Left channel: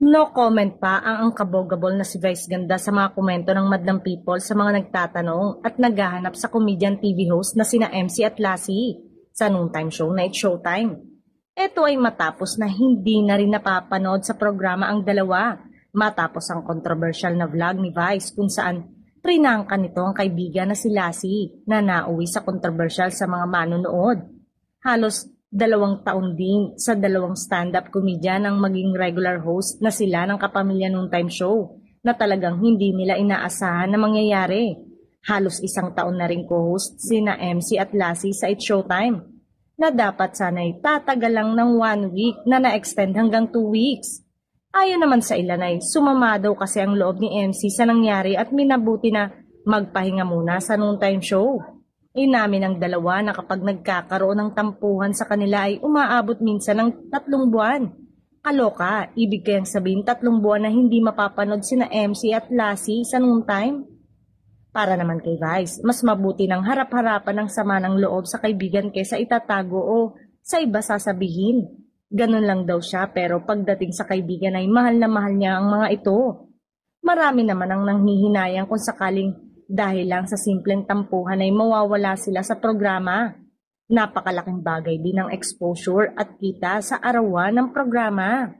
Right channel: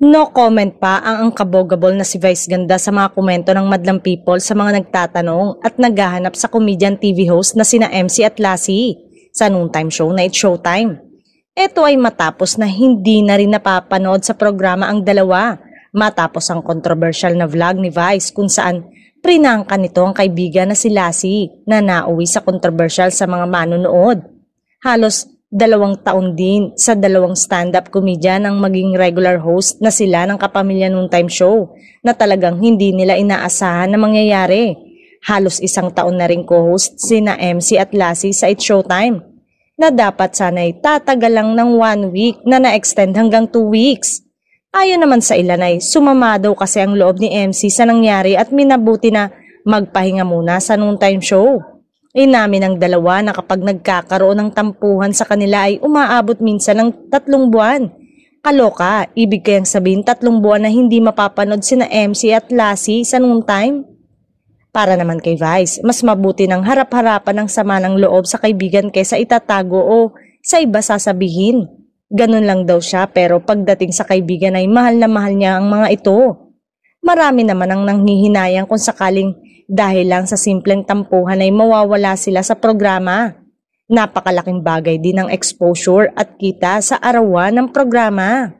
No comment pa ang angkabogabol na si Vice Ganda sa mga komento ng madlang people sa mga nagtatanong at naghahanap sa comedian TV host na sina MC at Lassie sa noontime show na It's Showtime. Ito ay matapos na hindi na rin napapanood sa programa ang dalawa matapos ang controversial na vlog ni Vice kung saan prinangka nito ang kaibigan na si Lassie na nauwi sa controversial sa mga manonood. Halos 2 taon din sa dalawang stand-up comedian ang maging regular host na sila ng Kapamilya Noontime Show na talagang hindi nila inaasahan na mangyayari. Halos 1 taon na rin co-host sina MC at Lassie sa It's Showtime na dapat sana'y tatagal lang ng 1 week na na-extend hanggang 2 weeks. Ayon naman sa ilan ay sumama daw kasi ang loob ni MC sa nangyari at minabuti na magpahinga muna sa noontime show. Inamin ng dalawa na kapag nagkakaroon ng tampuhan sa kanila ay umaabot minsan ng 3 buwan. Kaloka, ibig kayang sabihin 3 buwan na hindi mapapanood sina MC at Lassie sa noontime? Para naman kay Vice, mas mabuti ng harap-harapan ng sama ng loob sa kaibigan kaysa itatago o sa iba sasabihin. Ganun lang daw siya pero pagdating sa kaibigan ay mahal na mahal niya ang mga ito. Marami naman ang nanghihinayang kung sakaling dahil lang sa simpleng tampuhan ay mawawala sila sa programa. Napakalaking bagay din ang exposure at kita sa arawan ng programa.